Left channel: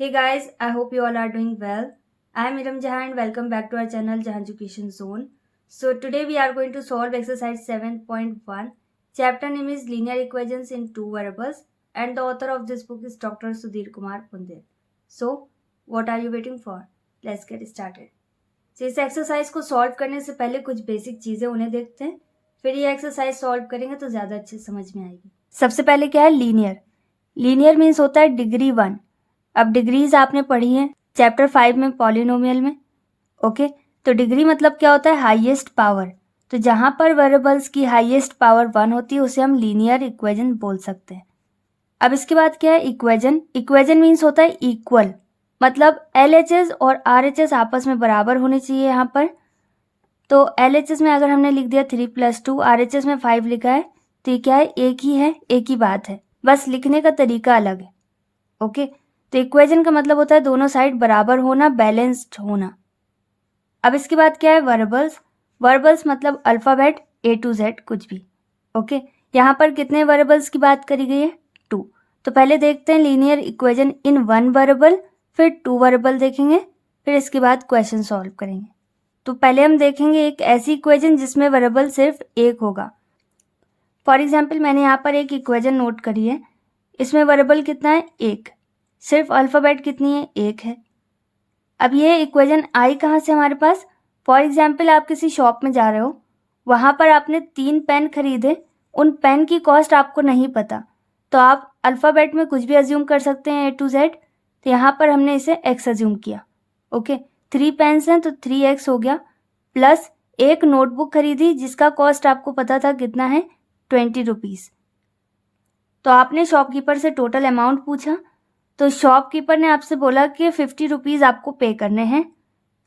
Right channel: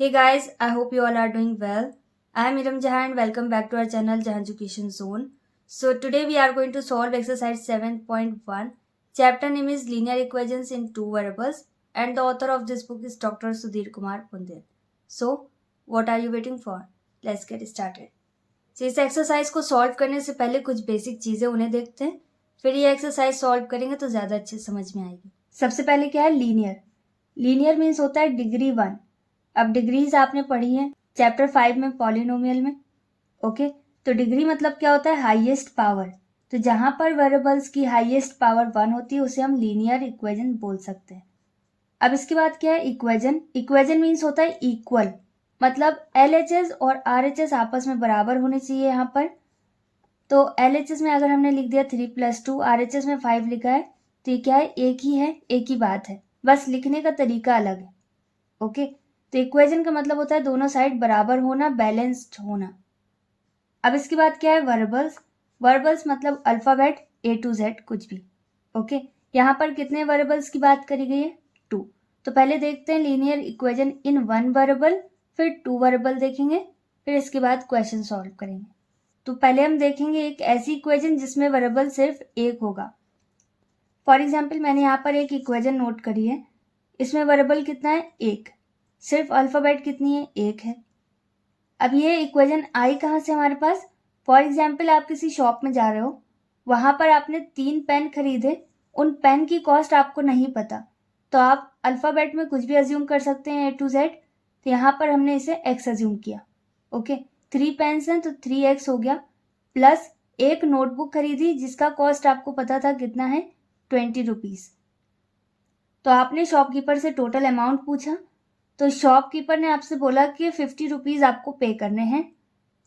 Hey guys, I hope you all are doing well. I am Iram Jahan and welcome back to our channel Jahan Education Zone. So today we are going to solve exercise 7.1. Chapter name is Linear Equations in Two Variables and the author of this book is Dr. Sudhir Kumar Pundil. So what are you waiting for? Let's get started. So इस exercise को solve करने से पहले कुछ basic चीज़ें उन्हें देखते हैं, फिर ये एक्सरसाइज सॉल्व करेंगे तो ज़्यादा अच्छे समझ में आएगी। सबसे पहले क्या है लीनियर। लीनियर मीन्स होता है डिग्री 1। अब डिग्रीज आपने पढ़ी है चैप्टर 5 में पॉलिनोमियल में। ओके, तो डिग्री मतलब क्या होता है हाईएस्ट पावर। तो जहां पर वेरिएबल्स की हाईएस्ट पावर 1 होती है उसे हम लीनियर इक्वेशन बोल सकते हैं। अब इसके बाद क्या है इक्वेशन। इक्वेशन मीन्स होता है इक्वल, मतलब LHS और RHS आपस में बराबर होने चाहिए यहाँ पर। तो LHS में अगर हमने लिख दिया 3 + 2, RHS में 5 लिखा है तो ये क्या है एक ही है, एक ही बात है, बस लिखने का तरीका अलग है। ओके, तो इक्वेशन का मतलब होता है दोनों साइड बराबर होना, बैलेंस्ड होना। अब इसके बाद क्या है वर्बल्स। वर्बल्स मतलब अल्फ़ाबेट A to Z कुछ भी। ओके, यहाँ पर कितने वर्बल्स की बात करी गई है 2। तो पहले देखते हैं लीनियर इक्वेशन इन 1 वर्बल, फिर 2 वर्बल देखेंगे, फिर इसके बाद क्वेश्चन सॉल्व करेंगे। तो पहले हम देखेंगे एक ऐसी इक्वेशन जिसमें वर्बल सिर्फ एक होगा। फॉर एग्जाम्पल मैंने यहाँ पर एक इक्वेशन नोट करी है, इसमें वर्बल कितना है एक, सिर्फ अल्फ़ाबेट कितनी है एक है। अब ये इक्वेशन आई कहाँ से हमारे पास। फॉर एग्जाम्पल आप किसी शॉप में जा रहे हो, वहाँ पर आपने 3 पेन खरीदे, उन पेन की कॉस्ट आपको नहीं पता, तो आप अल्फ़ाबेट में कुछ भी अज्यूम कर सकते हैं A to Z। तो यहाँ पर हमने इसे x अज्यूम किया। ओके, 3 पेन्स हैं तो 3x हो गया, प्लस एक नोटबुक खरीदी जिसका कॉस्ट आपको पता था कितना है 20 रुपीज़। तो आपने शॉपकीपर से टोटल अमाउंट पूछा, तो शॉपकीपर ने आपसे बोला कि 50 रुपीज़ आपको पे करने हैं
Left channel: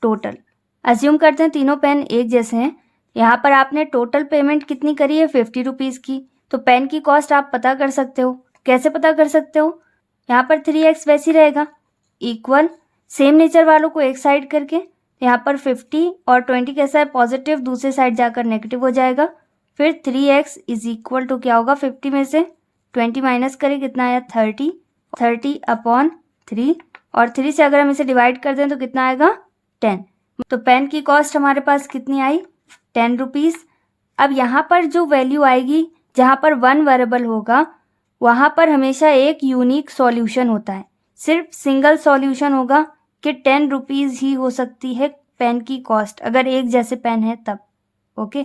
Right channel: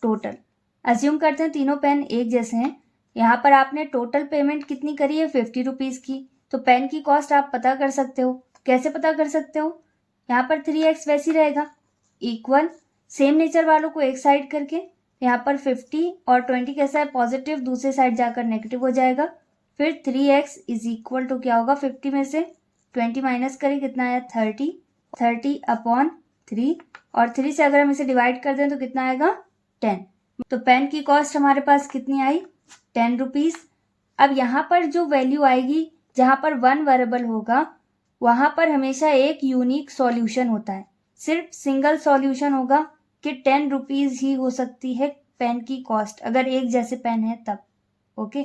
टोटल। अज्यूम करते हैं तीनों पेन एक जैसे हैं, यहाँ पर आपने टोटल पेमेंट कितनी करी है 50 रुपीज़ की। तो पेन की कॉस्ट आप पता कर सकते हो। कैसे पता कर सकते हो, यहाँ पर 3x वैसे ही रहेगा, इक्वल सेम नेचर वालों को एक साइड करके, यहाँ पर 50 और 20 कैसा है पॉजिटिव, दूसरे साइड जाकर नेगेटिव हो जाएगा। फिर 3x इज इक्वल टू क्या होगा 50 में से 20 माइनस करें कितना आया 30/3 और 3 से अगर हम इसे डिवाइड कर दें तो कितना आएगा 10। तो पेन की कॉस्ट हमारे पास कितनी आई 10 रुपीज़। अब यहाँ पर जो वैल्यू आएगी जहाँ पर 1 वेरिएबल होगा वहाँ पर हमेशा एक यूनिक सॉल्यूशन होता है, सिर्फ सिंगल सॉल्यूशन होगा कि 10 रुपीज़ ही हो सकती है पेन की कॉस्ट, अगर एक जैसे पेन है तब। ओके,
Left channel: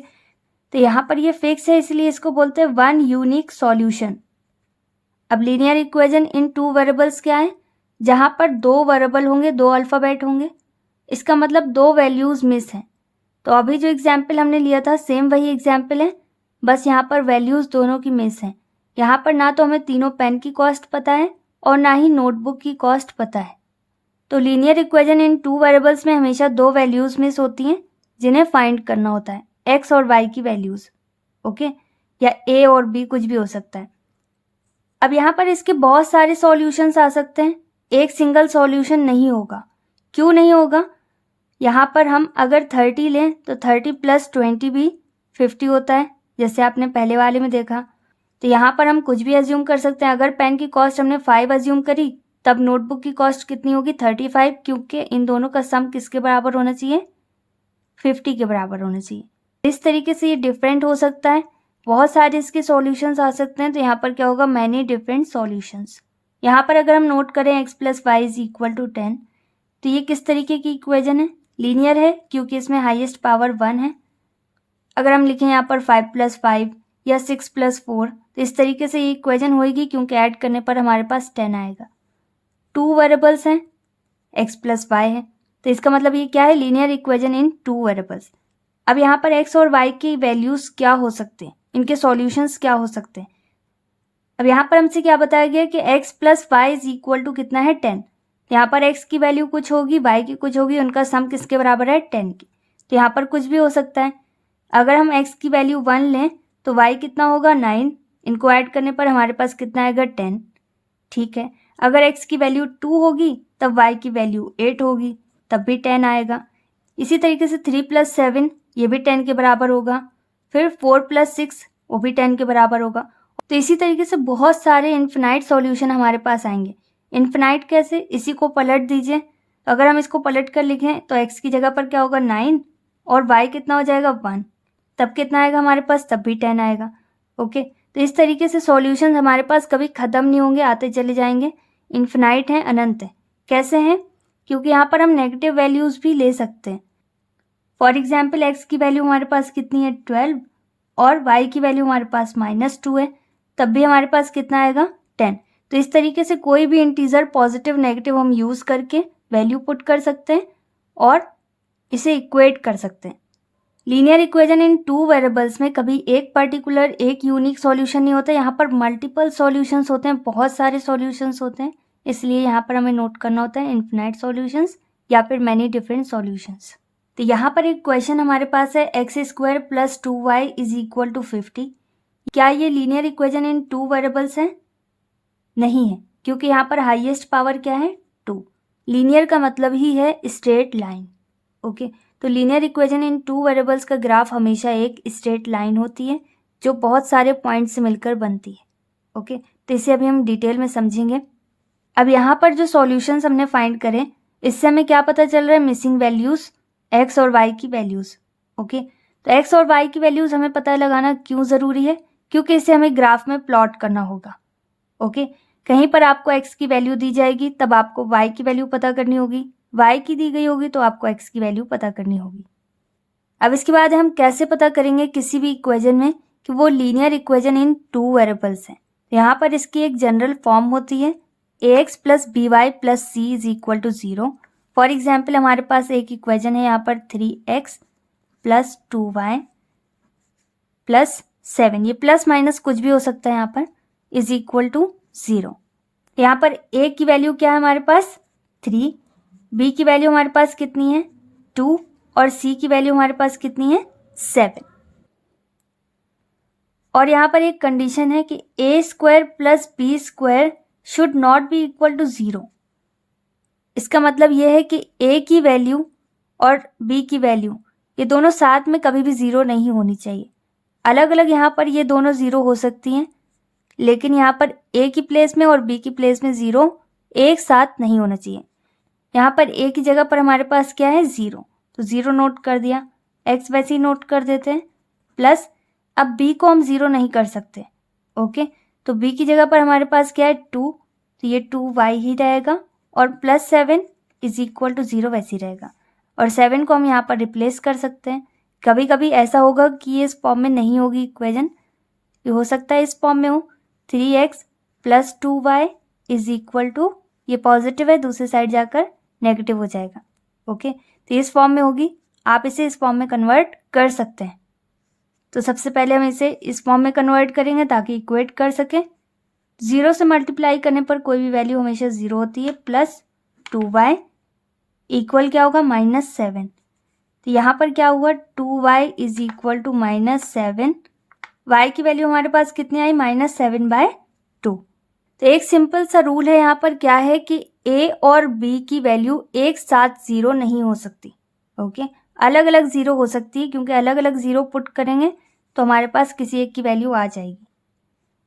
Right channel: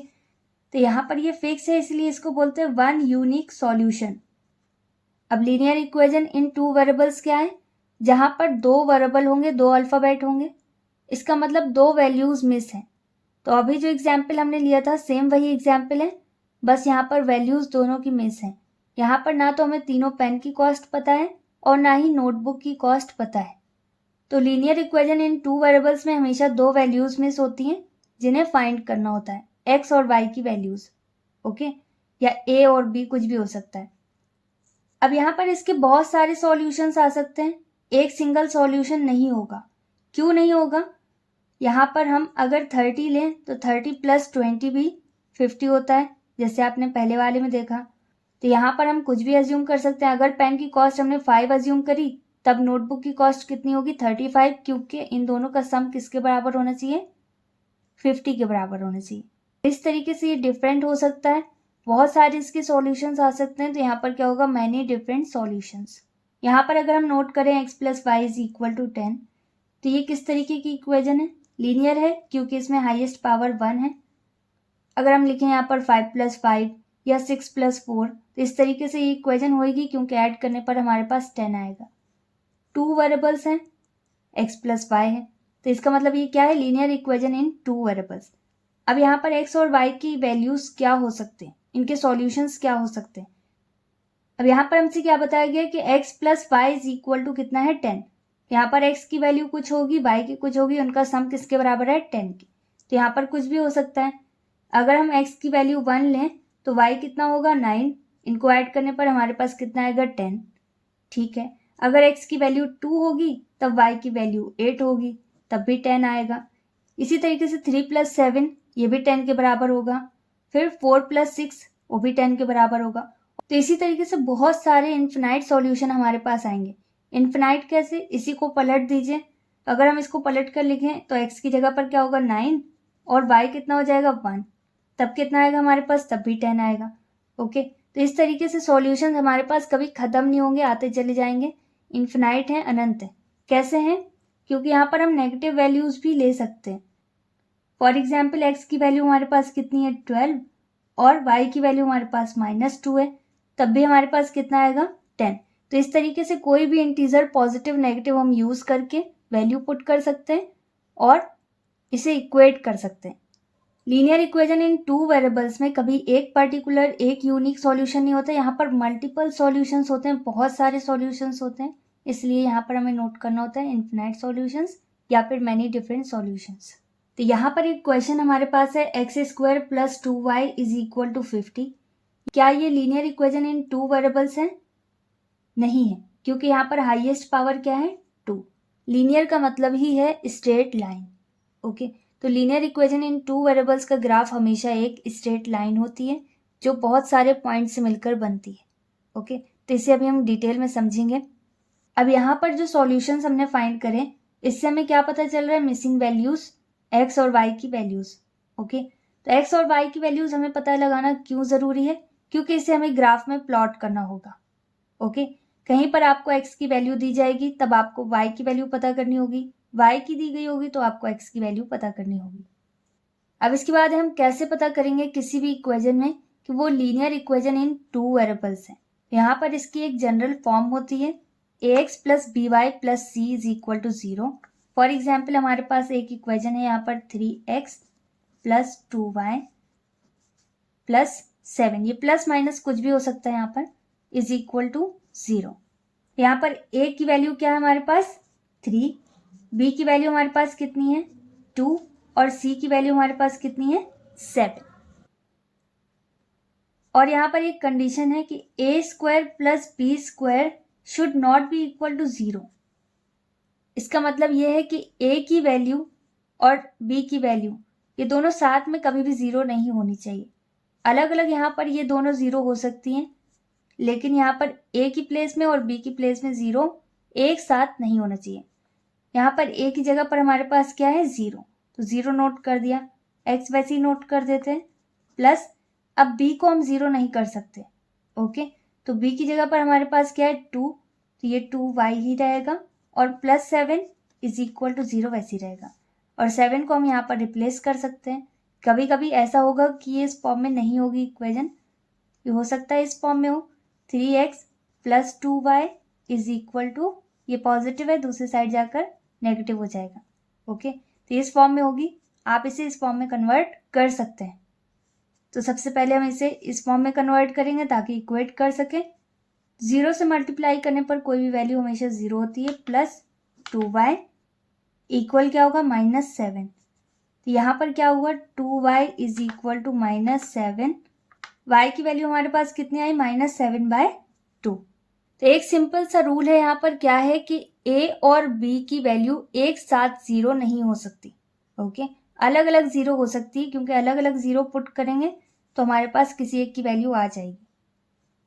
तो यहाँ पर ये फिक्स है इसलिए इसको बोलते हैं 1 यूनिक सॉल्यूशन। अब लीनियर इक्वेशन इन 2 वेरिएबल्स क्या है, जहाँ पर 2 वेरिएबल होंगे 2 अल्फ़ाबेट होंगे, इसका मतलब 2 वैल्यूज़ मिस हैं। तो अभी जो एग्जाम्पल हमने लिया था सेम वही एग्जाम्पल है, बस यहाँ पर वैल्यूज़ दोनों की मिस हैं। यहाँ पर ना तो हमें तीनों पेन की कॉस्ट पता है और ना ही नोटबुक की कॉस्ट पता है। तो लीनियर इक्वेशन इन 2 वेरिएबल्स में हमेशा 2 वैल्यूज़ मिस होती हैं जिन्हें फाइंड करना होता है, x और y की वैल्यूज़। ओके, या a और b कुछ भी हो सकता है। अब यहाँ पर इसके बहुत सारे सॉल्यूशंस आ सकते हैं, एक सिंगल सॉल्यूशन नहीं होगा। क्यों नहीं होगा, यहाँ पर हम अगर 30 लें तो 30 + 20 भी 50 होता है, जैसे आपने पहले वाले में देखा। तो यहाँ पर हम कुछ भी अज्यूम कर सकते हैं। अगर पेन की कॉस्ट हमने 5 अज्यूम करी तब नोटबुक की कॉस्ट कितनी होगी 35, क्योंकि इन दोनों का सम किसके बराबर होना चाहिए 50 के बराबर होना चाहिए। इस तरीके से ये डिफरेंट हो सकता है, बहुत सारे इसके सॉल्यूशंस आ सकते हैं। तो यहाँ पर क्या होगा मैनी डिफरेंट सॉल्यूशंस। यहाँ पर अगर हम नोट करें x + y = 10, तो ये किस तरीके की इक्वेशन है, लीनियर है क्योंकि इसमें हाईएस्ट पावर 1 है। अगर हम लिखें यहाँ पर 5 + 5 या 6 + 4, तो इस तरीके से ये इक्वेशन होगी क्योंकि ऐड करने पर हमारे पास 10 आएगा। 2 वेरिएबल्स हैं x + y है, तो इसका मतलब ये क्या है लीनियर इक्वेशन इन 2 वेरिएबल्स। अब यहाँ पर x और y की वैल्यूज़ क्या हो सकते हैं, इनके सॉल्यूशंस क्या हो सकते हैं। अब यहाँ पर हमसे क्या बताया गया कि x + y = कितना है 10। यहाँ पर x की वैल्यू कुछ होगी, y की कुछ होगी, उनका सम किसके बराबर है 10 की। तो यहाँ पर कुछ भी हो सकता है। अगर हम x की वैल्यू 1 लें तो y कितना होगा 9, इनको ऐड करने पर हमारे पास कितना आएगा 10। ठीक है, अगर x की वैल्यू 2 होगी तब y की वैल्यू 8 होगी, तब भी 10 आएगा। इसी तरीके से 3 + 7 ये भी 10 के बराबर होगा, फिर 4 + 6 वो भी 10 के बराबर होगा। तो इसी तरीके से बहुत सारे इन्फिनाइट सॉल्यूशन हमारे पास आएंगे। इन्फिनाइट कैसे, इसी को पलट दीजिए। अगर हम इसको पलट कर लिखें तो x की जगह पर क्या होगा 9 और y कितना हो जाएगा 1, तब कितना आएगा हमारे पास, तब भी 10 आएगा। ओके, तो इस तरीके से सॉल्यूशन हमारे पास कभी ख़त्म नहीं होंगे, आते चले जाएंगे, इन्फिनाइट है, अनंत है। कैसे हैं, क्योंकि यहाँ पर हम नेगेटिव वैल्यूज़ भी ले सकते हैं। फॉर एग्जाम्पल x की वैल्यू हमारे पास कितनी है 12 और y की वैल्यू हमारे पास -2 है, तब भी हमारे पास कितना आएगा 10। तो इस तरीके से कोई भी इंटीजर पॉजिटिव नेगेटिव हम यूज़ करके वैल्यू पुट कर सकते हैं और इसे इक्वेट कर सकते हैं। लीनियर इक्वेशन इन 2 वेरिएबल्स में कभी एक पर्टिकुलर एक यूनिक सॉल्यूशन नहीं होता, यहाँ पर मल्टीपल सॉल्यूशंस होते हैं, बहुत सारे सॉल्यूशंस होते हैं, इसलिए यहाँ पर हमें नोट करना होता है इन्फिनाइट सॉल्यूशंस या फिर मैनी डिफरेंट सॉल्यूशंस। तो यहाँ पर एक क्वेश्चन हमारे पास है x² + 2y = 50। क्या ये लीनियर इक्वेशन इन 2 वेरिएबल्स है? नहीं है, क्योंकि यहाँ पर हाईएस्ट पावर क्या है 2। लीनियर का मतलब ही है स्ट्रेट लाइन। ओके, तो लीनियर इक्वेशन इन 2 वेरिएबल्स का ग्राफ हमेशा एक स्ट्रेट लाइन होती है जो बहुत सारे पॉइंट से मिलकर बनती है। ओके, तो इसे अभी हम डिटेल में समझेंगे। अब यहाँ पर जो सॉल्यूशंस हमने फाइंड करें, इससे हमें क्या पता चल रहा है, मिसिंग वैल्यूज़ x और y की वैल्यूज़। ओके, तो x और y की वैल्यूज़ हमें पता लगाना क्यों ज़रूरी है, क्योंकि इसे हमें ग्राफ में प्लॉट करना होगा। ओके, कहीं पर आपको x की वैल्यू दी जाएगी तब आपको y की वैल्यू पता करनी होगी, y की दी गई होगी तो आपको x की वैल्यू पता करनी होगी। अब इसके बाद हम कैसे पता करेंगे किसी भी इक्वेशन में कि वो लीनियर इक्वेशन इन 2 वेरिएबल्स हैं। यहाँ पर इसकी एक जनरल फॉर्म होती है ax + by + c = 0। For example हमारे पास एक इक्वेशन है यहाँ पर 3x + 2y + 7, ये प्लस माइनस कुछ भी हो सकता है यहाँ पर, = 0। यहाँ पर a की वैल्यू क्या है हमारे पास 3, b की वैल्यू हमारे पास कितनी है 2 और c की वैल्यू हमारे पास कितनी है 7। और यहाँ पर एक कंडीशन है कि a² + b² should not be equal to 0। इसका मतलब यह है कि a की वैल्यू और b की वैल्यू ये दोनों साथ में कभी भी 0 नहीं होनी चाहिए। अलग अलग यहाँ पर ये दोनों 0 हो सकती हैं, लेकिन यहाँ पर a की प्लेस में और b की प्लेस में 0 एक साथ नहीं होना चाहिए। यहाँ पर a की जगह पर हमारे पास क्या है 0, तो 0 नोट कर दिया, x वैसे ही नोट कर देते हैं, प्लस अब b को हम 0 नहीं कर सकते। ओके, तो b की जगह पर हमारे पास क्या है 2, तो ये 2y ही रहेगा और +7 = 0 वैसे ही रहेगा। और 7 को हम यहाँ पर रिप्लेस कर सकते हैं। कभी कभी ऐसा होगा कि ये इस फॉर्म में नहीं होगी इक्वेशन, ये हो सकता है इस फॉर्म में हो 3x + 2y = ये पॉजिटिव है, दूसरी साइड जाकर नेगेटिव हो जाएगा। ओके, तो इस फॉर्म में होगी, आप इसे इस फॉर्म में कन्वर्ट कर सकते हैं। तो सबसे पहले हम इसे इस फॉर्म में कन्वर्ट करेंगे ताकि इक्वेट कर सकें। 0 से मल्टीप्लाई करने पर कोई भी वैल्यू हमेशा 0 होती है, +2y इक्वल क्या होगा -7। तो यहाँ पर क्या हुआ 2y = -7, y की वैल्यू हमारे पास कितनी आई -7/2। तो एक सिंपल सा रूल है यहाँ पर, क्या है कि a और b की वैल्यू एक साथ 0 नहीं हो सकती। ओके, अलग अलग 0 हो सकती है, क्योंकि अलग अलग 0 पुट करेंगे तो हमारे पास किसी एक की वैल्यू आ जाएगी,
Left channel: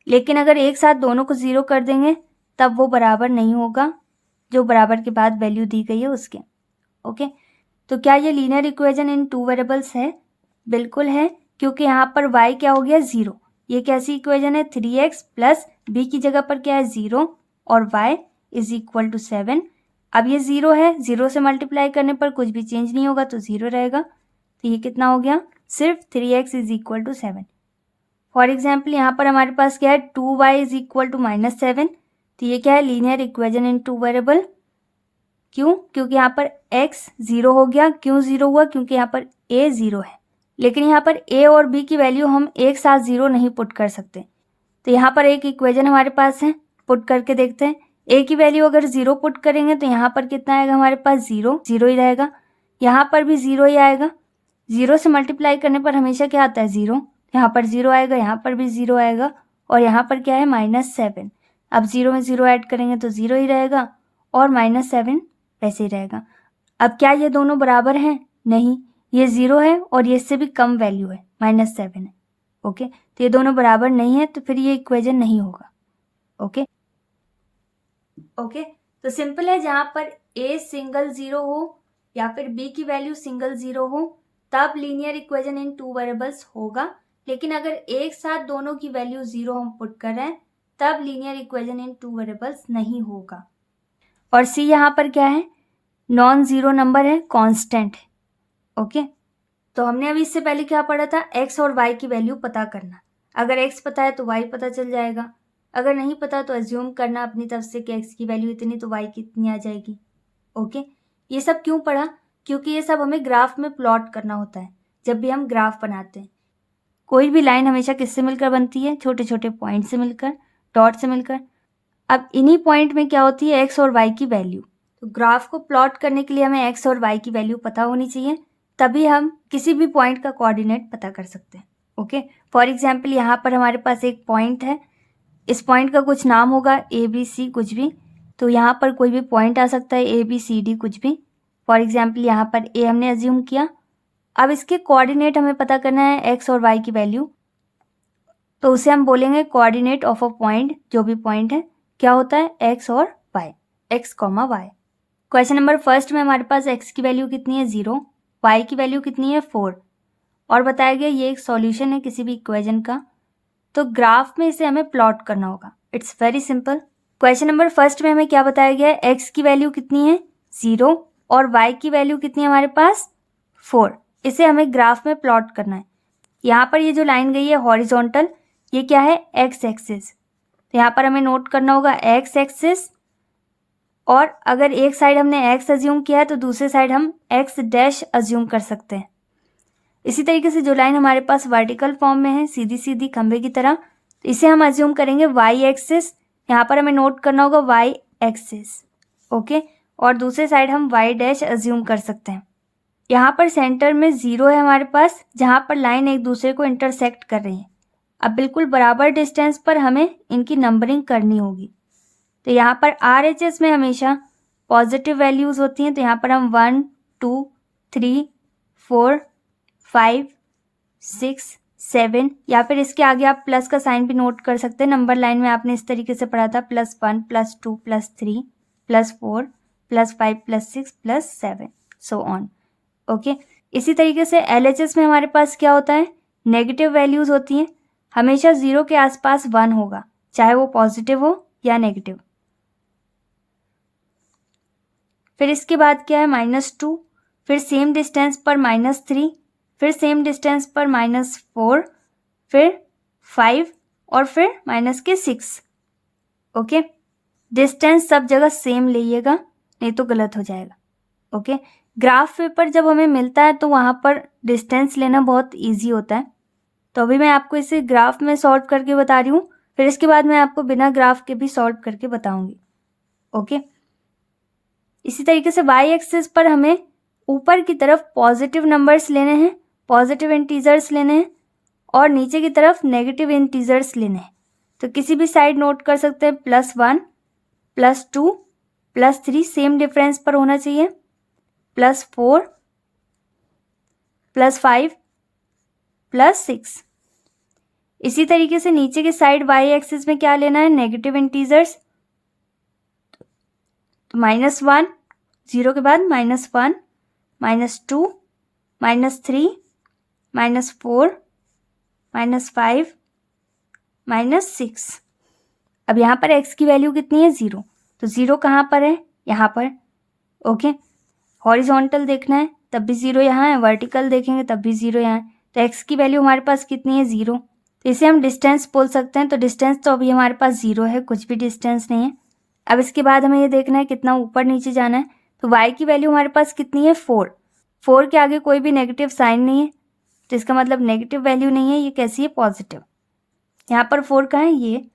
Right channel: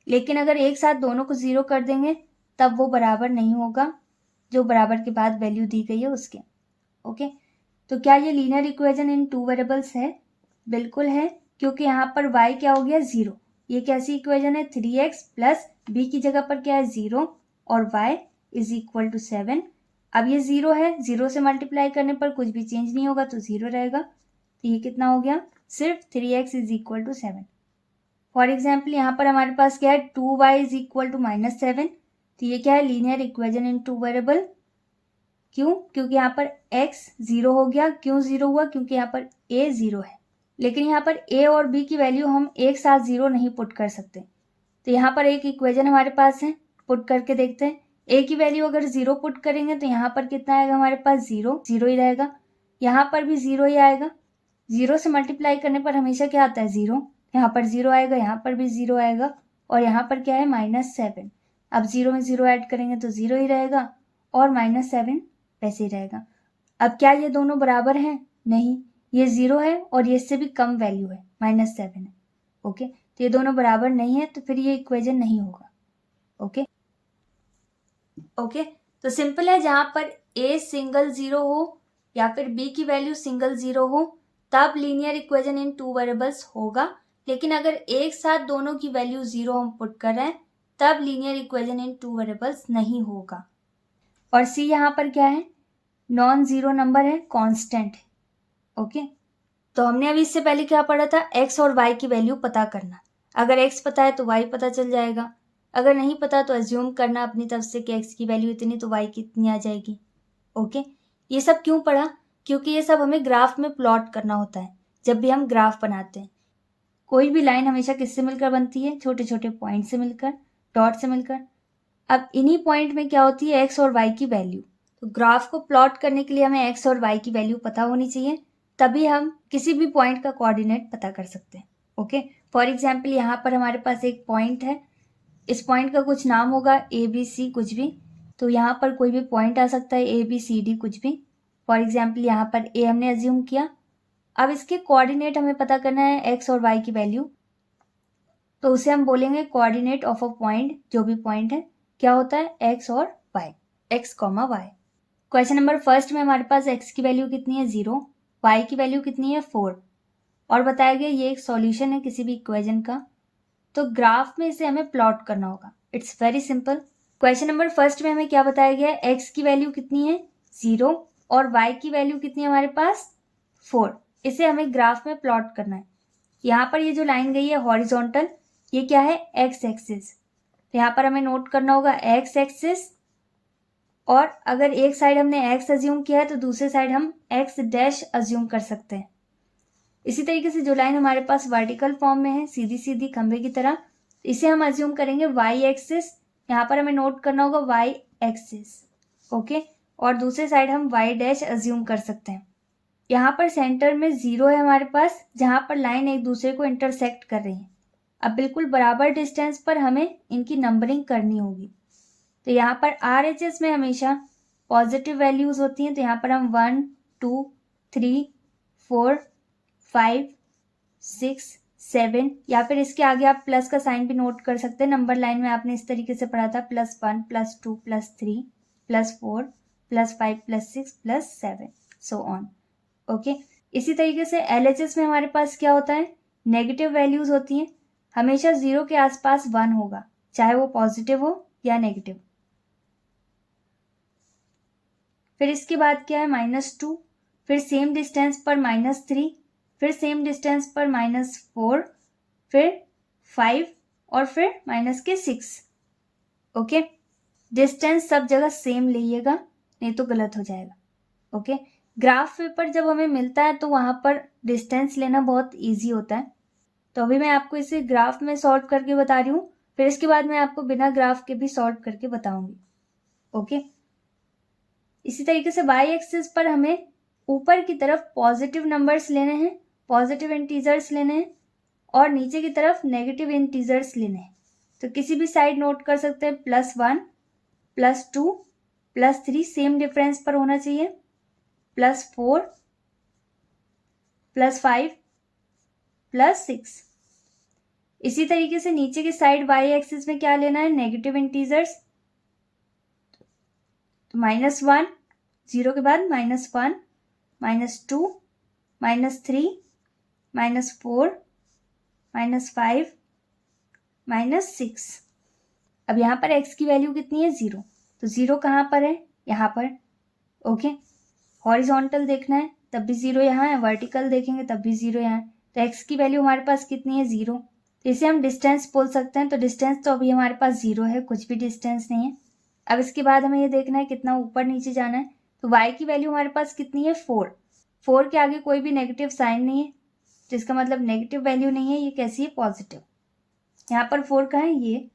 लेकिन अगर एक साथ दोनों को 0 कर देंगे तब वो बराबर नहीं होगा जो बराबर के बाद वैल्यू दी गई है उसके। ओके, तो क्या ये लीनियर इक्वेशन इन 2 वेरिएबल्स है? बिल्कुल है, क्योंकि यहाँ पर y क्या हो गया 0। ये कैसी इक्वेशन है 3x + b की जगह पर क्या है 0 और y = 7। अब ये 0 है, 0 से मल्टीप्लाई करने पर कुछ भी चेंज नहीं होगा तो 0 रहेगा। तो ये कितना हो गया, सिर्फ 3x = 7। फॉर एग्जाम्पल यहाँ पर हमारे पास क्या है 2y = -7, तो ये क्या है लीनियर इक्वेशन इन 2 वेरिएबल। क्यों? क्योंकि यहाँ पर x 0 हो गया। क्यों 0 हुआ? क्योंकि यहाँ पर a 0 है, लेकिन यहाँ पर a और b की वैल्यू हम एक साथ 0 नहीं पुट कर सकते। तो यहाँ पर एक इक्वेशन हमारे पास है, पुट करके देखते हैं। a की वैल्यू अगर 0 पुट करेंगे तो यहाँ पर कितना आएगा हमारे पास 0 ही रहेगा, यहाँ पर भी 0 ही आएगा। 0 से मल्टीप्लाई करने पर हमेशा क्या आता है 0, यहाँ पर 0 आएगा, यहाँ पर भी 0 आएगा और यहाँ पर क्या है -7। अब 0 में 0 ऐड करेंगे तो 0 ही रहेगा और -7 वैसे ही रहेगा। अब क्या ये दोनों बराबर हैं? नहीं, ये 0 है और ये इससे भी कम वैल्यू है, -7 है। ओके, तो ये दोनों बराबर नहीं है, तो फिर ये इक्वेशन नहीं होगा। ओके, ओके, तो सिंपल है, जहाँ पर ए सिंगल जीरो हो या फिर बी की वैल्यू सिंगल जीरो हो तब linear equation in two variables होगा, लेकिन अगर एक साथ दोनों की वैल्यू जीरो हम पुट कर रहे हैं तब linear equation in two variables नहीं होगा। और सी यहाँ पर क्या है, नॉन जीरो नंबर है, कांस्टेंट है। ओके, तो हमने अभी इससे पहले क्या पढ़ा था, एक्स और वाई की वैल्यू पता करना। अगर एक्स पता है तो वाई पता चल जाएगा, अगर नहीं पता तो एज्यूम करना अपनी तरफ से कि एक्स की वैल्यू इतनी तो वाई कितनी आ जाएगी। ओके, ये सब क्यों पढ़ा, क्योंकि ये सब हमें ग्राफ में प्लॉट करना होता है। जब भी हम ग्राफ बनाते हैं, कोई भी लाइन हमेशा किससे मिलकर बनती है, छोटे छोटे पॉइंट से मिलकर, डॉट से मिलकर। अब इन्हीं पॉइंट में क्या होती है, एक्स और वाई की वैल्यू। तो ग्राफ को प्लॉट करने के लिए हमें एक्स और वाई की वैल्यू पता होनी चाहिए, तभी हम किसी भी पॉइंट का कोऑर्डिनेट पता कर सकते हैं। ओके, फॉर एग्जाम्पल यहाँ पर हमारे पास एक पॉइंट है, इस पॉइंट का कुछ नाम होगा, ए बी सी कुछ भी, तो यहाँ पर कोई भी पॉइंट आ सकता है, ए बी सी डी कुछ भी। फॉर एग्जाम्पल यहाँ पर ए हमने अज्यूम किया। अब इसके कोऑर्डिनेट हमें पता करना है, एक्स और वाई की वैल्यू, तो उसे हम बोलेंगे कोऑर्डिनेट ऑफ अ पॉइंट। जो भी पॉइंट है क्या होता है, एक्स और y, x comma y. Question number first में हमारे पास एक्स की वैल्यू कितनी है, 0, वाई की वैल्यू कितनी है, 4, और बताया गया ये एक सॉल्यूशन है किसी भी इक्वेशन का। तो ग्राफ में इसे हमें प्लॉट करना होगा। It's very simple. Question number first में हमें क्या बताया गया है, एक्स की वैल्यू कितनी है, 0, और वाई की वैल्यू कितनी है हमारे पास, 4। इसे हमें ग्राफ में प्लॉट करना है। यहाँ पर ये जो लाइन गई है हॉरिजॉन्टल, ये क्या है, एक्स एक्सिस। तो यहाँ पर हमें नोट करना होगा एक्स एक्सिस, और अगर एक साइड हमने एक्स अज्यूम किया है तो दूसरी साइड हम एक्स डैश अज्यूम कर सकते हैं। इसी तरीके से जो लाइन हमारे पास वर्टिकल फॉर्म में है, सीधी सीधी खंबे की तरह, इसे हम अज्यूम करेंगे वाई एक्सिस। यहाँ पर हमें नोट करना होगा वाई एक्सिस। ओके, और दूसरे साइड हम वाई डैश अज्यूम कर सकते हैं। यहाँ पर सेंटर में 0 है हमारे पास, जहाँ पर लाइन एक दूसरे को इंटरसेक्ट कर रही है। अब बिल्कुल बराबर डिस्टेंस पर हमें इनकी नंबरिंग करनी होगी। तो यहाँ पर RHS में हमेशा पॉजिटिव वैल्यूज़ होती हैं, तो यहाँ पर हम 1 2 3 4 5 6 7, या फिर इसके आगे आप प्लस का साइन भी नोट कर सकते हैं। नंबर लाइन में आपने इस तरीके से पढ़ा था, +1 +2 +3 +4 +5 +6 +7 सो ऑन। ओके, इसी तरीके से LHS में हमारे पास क्या होता है, नेगेटिव वैल्यूज़ होती हैं। हमेशा 0 के आसपास 1 होगा, चाहे वो पॉजिटिव हो या नेगेटिव। फिर इसके बाद क्या है, -2, फिर सेम डिस्टेंस पर -3, फिर सेम डिस्टेंस पर -4, फिर 5, और फिर -6। ओके, डिस्टेंस सब जगह सेम लीजिएगा, नहीं तो गलत हो जाएगा। ओके, ग्राफ पेपर जब हमें मिलता है तो वहाँ पर डिस्टेंस लेना बहुत ईजी होता है। तो अभी मैं आपको इसे ग्राफ में सॉल्व करके बता रही हूँ, फिर इसके बाद मैं आपको बिना ग्राफ के भी सॉल्व करके बताऊँगी। ओके, इसी तरीके से वाई एक्सिस पर हमें ऊपर की तरफ पॉजिटिव नंबर्स लेने हैं, पॉजिटिव इंटीजर्स लेने हैं, और नीचे की तरफ नेगेटिव इंटीजर्स लेने हैं। तो किसी भी साइड नोट कर सकते हैं, +1 +2 +3 सेम डिफरेंस पर होना चाहिए, +4 +5 +6। इसी तरीके से नीचे की साइड वाई एक्सिस में क्या लेना है, नेगेटिव इंटीजर्स। तो -1, 0 के बाद -1 -2 -3 -4 -5 -6। अब यहाँ पर x की वैल्यू कितनी है, 0, तो 0 कहाँ पर है, यहाँ पर। ओके, हॉरिजॉन्टल देखना है तब भी 0 यहाँ है, वर्टिकल देखेंगे तब भी 0 यहाँ है। तो x की वैल्यू हमारे पास कितनी है, 0। तो इसे हम डिस्टेंस बोल सकते हैं। तो डिस्टेंस तो अभी हमारे पास 0 है, कुछ भी डिस्टेंस नहीं है। अब इसके बाद हमें ये देखना है कितना ऊपर नीचे जाना है। तो y की वैल्यू हमारे पास कितनी है, 4 के आगे कोई भी नेगेटिव साइन नहीं है, तो इसका मतलब नेगेटिव वैल्यू नहीं है, ये कैसी है, पॉजिटिव। यहाँ पर 4 कहाँ है, ये।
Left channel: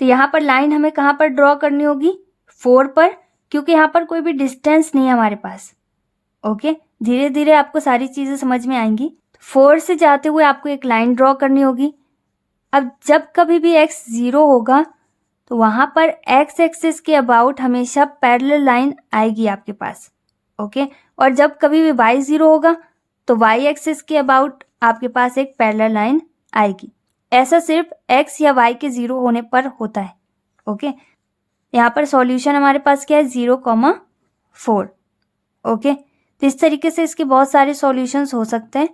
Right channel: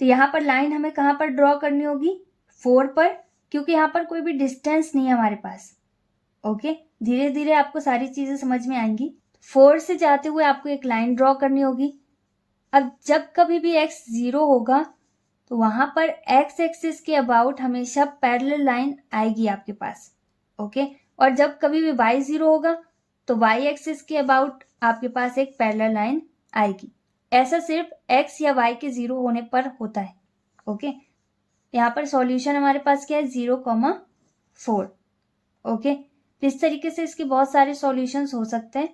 तो यहाँ पर लाइन हमें कहाँ पर ड्रॉ करनी होगी, 4 पर, क्योंकि यहाँ पर कोई भी डिस्टेंस नहीं है हमारे पास। ओके, धीरे धीरे आपको सारी चीज़ें समझ में आएंगी। 4 से जाते हुए आपको एक लाइन ड्रॉ करनी होगी। अब जब कभी भी x 0 होगा तो वहाँ पर x एक्सिस के अबाउट हमेशा पैरेलल लाइन आएगी आपके पास। ओके, और जब कभी भी y 0 होगा तो y एक्सिस के अबाउट आपके पास एक पैरेलल लाइन आएगी। ऐसा सिर्फ x या y के 0 होने पर होता है। ओके, यहाँ पर सॉल्यूशन हमारे पास क्या है 0,4। ओके, तो इस तरीके से इसके बहुत सारे सॉल्यूशंस हो सकते हैं।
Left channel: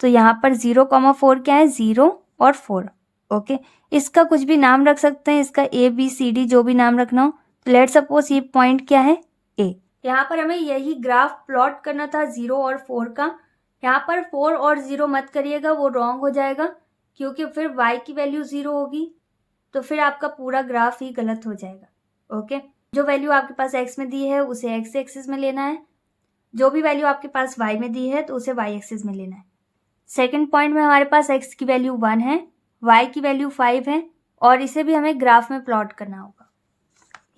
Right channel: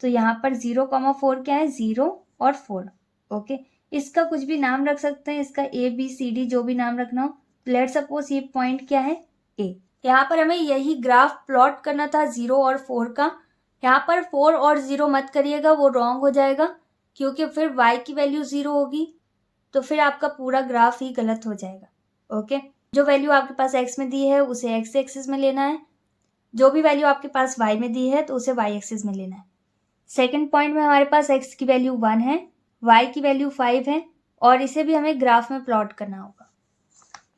तो यहाँ पर 0,4 क्या है 0 और 4। ओके, इसका कुछ भी नाम रख सकते हैं, इसका ABCD जो भी नाम रखना हो। तो लेट सपोज ये पॉइंट क्या है A। यहाँ पर हमें यही ग्राफ प्लॉट करना था 0 और 4 का। यहाँ पर 4 और 0 मत करिएगा, वो रॉन्ग हो जाएगा, क्योंकि फिर y की वैल्यू 0 होगी, तो फिर आपका पूरा ग्राफ ही गलत हो जाएगा। ओके, जो वैल्यू आपके पास x में दी है उसे x एक्सिस में लेना है, जो भी वैल्यू आपके पास y में दी है तो उसे y एक्सिस में लेना है। सेकंड पॉइंट में हमारे पास x की वैल्यू 1 है, y की वैल्यू 5 है, और इसे भी हमें ग्राफ में प्लॉट करना होगा।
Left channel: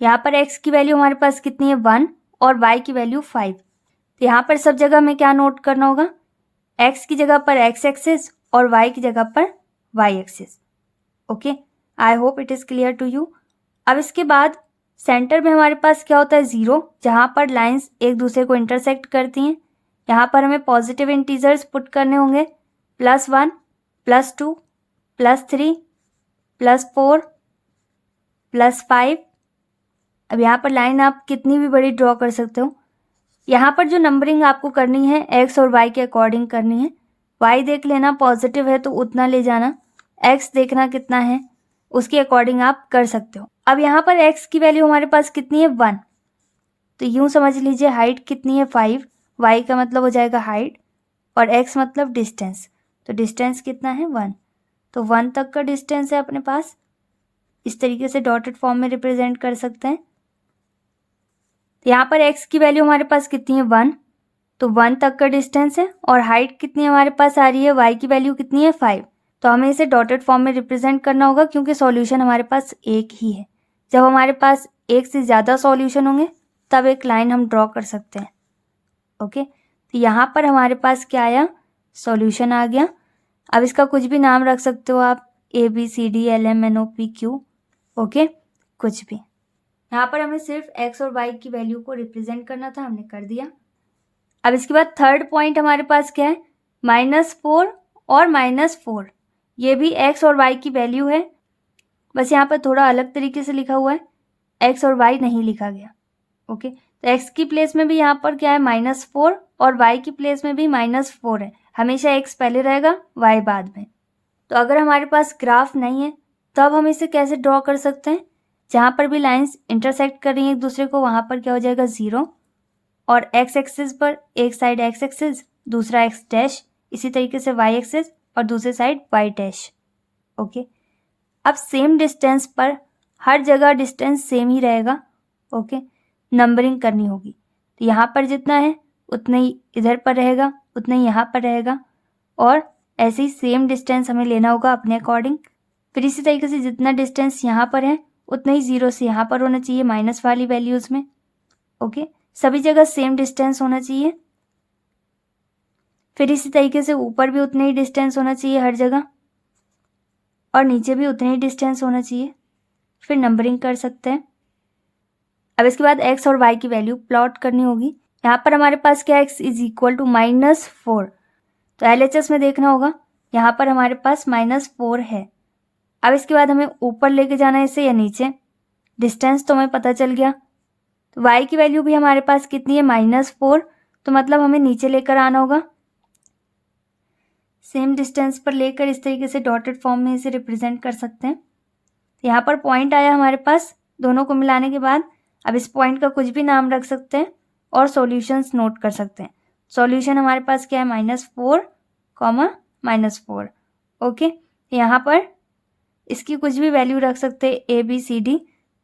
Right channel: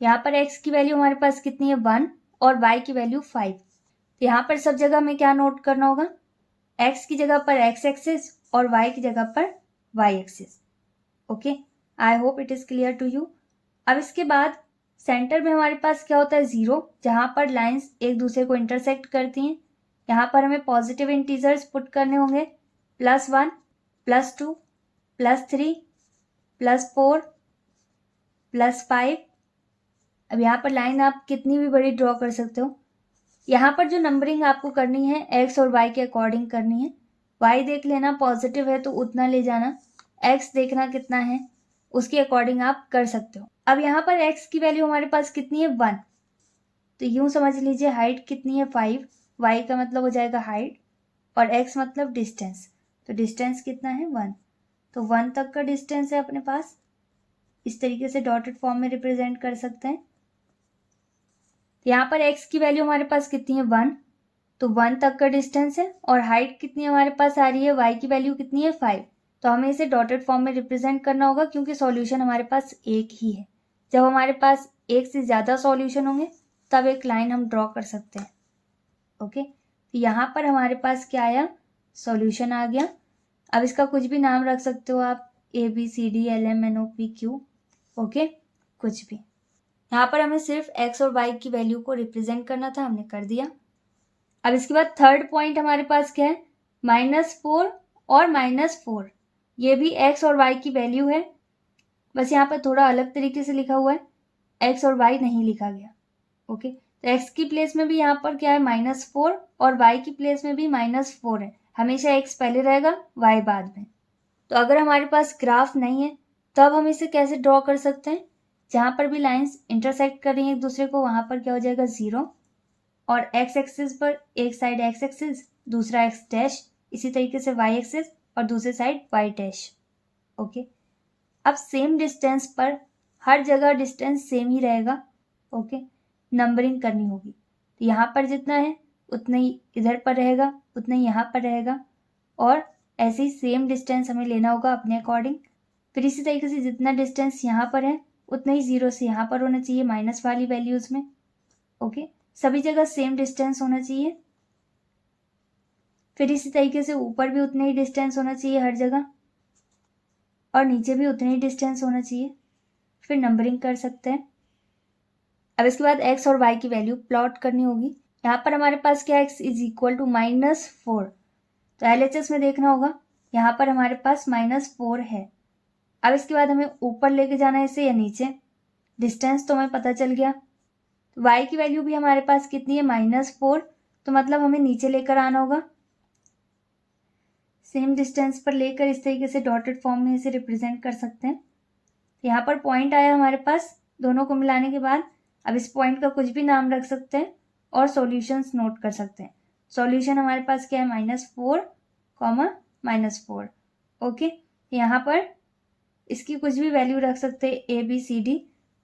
यहाँ पर x की वैल्यू हमारे पास कितनी है 1 और y की वैल्यू 5। तो यहाँ पर सब जगह हमें क्या नोट करना होगा, x की जगह पर x एक्सिस और y की जगह पर y axis. Okay, I hope it is clear to you. अब इसके बाद सेंटर में हमारे पास क्या होता है 0, जहाँ पर लाइंस एक दूसरे को इंटरसेक्ट करती हैं। यहाँ पर हमें पॉजिटिव इंटीजर्स पुट करने होंगे, +1, +2, +3, +4, +5। अब यहाँ पर लाइन आप कितनी भी बड़ी ड्रॉ कर सकते हो। यहाँ पर जो नंबरिंग आपको करनी है x और y के अकॉर्डिंग करनी है। y देख लेना पॉजिटिव है तो उतना ले जाना, x देखना कितना है उसके अकॉर्डिंग आप कर सकते हो। अब यहाँ पर x की वैल्यू हमारे पास कितनी है 1, तो यूँ समझ लीजिए हाइट कितनी है 5, y का मतलब हो जाएगा हाइट और x मतलब डिस्टेंस, तो डिस्टेंस कितना है 1, तो 1 तक का डिस्टेंस है अपने पास। इस तरीके से डॉटेड फॉर्म में रिप्रेजेंट कर सकते हैं। यहाँ पर x की वैल्यू हमारे पास कितनी है 1, तो 1 तक का डिस्टेंस है, और हाइट कितनी हमारे पास आ रही है, y की वैल्यू कितनी है 5। तो हमें इसे डॉटेड फॉर्म में रिप्रेजेंट करना होगा, क्योंकि सॉल्यूशन हमारे पास एक ही है। जब हमारे पास एक से ज़्यादा सॉल्यूशन होंगे तब एक लाइन हम ड्रॉ कर सकते हैं। ओके, तो यहाँ पर हमारे पास क्या आया, सॉल्यूशन आ गया। अब इसका कुछ भी नाम रख सकते हो आप, ABCDLMNOPQ। ओके, कुछ भी। यहाँ पर हमें सिर्फ x और y की वैल्यू को रिप्रेजेंट करना था, हमने कर दिया। अब इसके बाद थर्ड पॉइंट हमारे पास क्या है, -4 और -4। ये भी x और y की वैल्यू है, बस यहाँ पर थोड़ा अलग तरीके से लिखा हुआ है, x और y नहीं लिखा गया। ओके, तो x की प्लेस में भी यहाँ पर क्या है -4 और y की प्लेस में भी -4 है। हमेशा x पहले रहेगा, y बाद में। तो अगर हमारे पास ग्राफ नहीं है तब हम इसे कैसे ड्रॉ कर सकते हैं, जहाँ पर भी लाइंस इंटरसेक्ट कर रही हैं एक दूसरे को वहाँ पर क्या हो जाएगा 0, और x एक्सिस पर एक साइड x एक्सिस दूसरा x डैश, इसी तरीके से y एक्सिस और दूसरे साइड y डैश। ओके, अब सेम डिस्टेंस पर हर जगह डिस्टेंस सेम ही रहेगा। ओके, नंबरिंग करनी होगी, तो यहाँ पर जितना है उतना ही इधर पर रहेगा, उतना ही यहाँ पर रहेगा, और ऐसे ही सेम डिस्टेंस हमें लेना होगा अपने अकॉर्डिंग। फिर इसी तरीके से जितना डिस्टेंस यहाँ पर है उतना ही 0 से यहाँ पर होना चाहिए माइनस वाली वैल्यूज़ में। ओके, सभी जगह सेम डिस्टेंस होना चाहिए। फिर इसी तरीके से ऊपर भी उतने ही डिस्टेंस होना चाहिए हर जगह, और नीचे भी उतने ही डिस्टेंस होना चाहिए। फिर नंबरिंग कर सकते हैं। अब इसके बाद x और y की वैल्यू प्लॉट करनी होगी। यहाँ पर हमारे पास क्या x इज इक्वल टू -4, तो LHS में देखना होगा, यहाँ पर हमारे पास -4 है। अब इसके बाद हमें ऊपर लेके जाना है इसे या नीचे, डिस्टेंस तो हमें पता चल गया। तो y की वैल्यू भी हमारे पास कितनी है -4, तो मतलब हमें नीचे लेकर आना होगा। सेम डिस्टेंस पर लेकर इस तरीके से डॉटेड फॉर्म में इसे रिप्रेजेंट कर सकते हैं। यहाँ पर पॉइंट आया हमारे पास दोनों को मिलाने के बाद। अब इस पॉइंट का कुछ भी नाम रख सकते हैं और सॉल्यूशंस नोट कर सकते हैं। सॉल्यूशन हमारे पास क्या है -4, -4। ओके, यहाँ पर इसकी कुछ भी वैल्यू रख सकते हैं ABCD,